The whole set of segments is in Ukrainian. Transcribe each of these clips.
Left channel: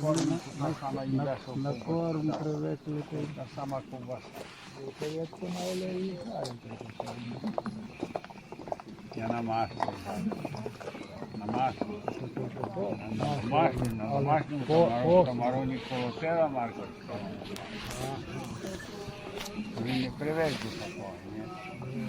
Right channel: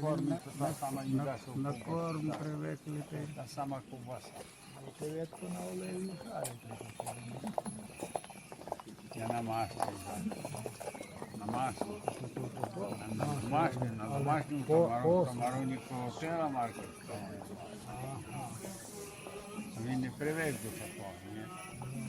корм, та сама що на корм привикли. та сама ковбаса. Креветку на олії жарим. Я на маслі жарю. На маслі. На домашньому, на домашньому по- комаро- по- комароні колосера Марко. Він не привик до такого, ні?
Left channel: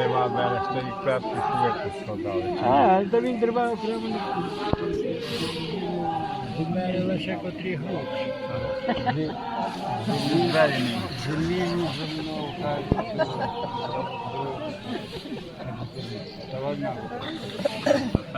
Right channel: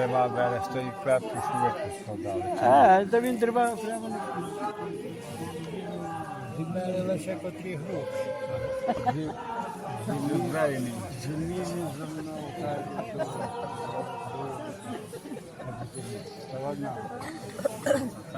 Дерева, дерева бере і клепки швидко складали. А, та він треба окремо на мене лише котрі гроші. Зелений. Желізні зерно кажуть. Давай на.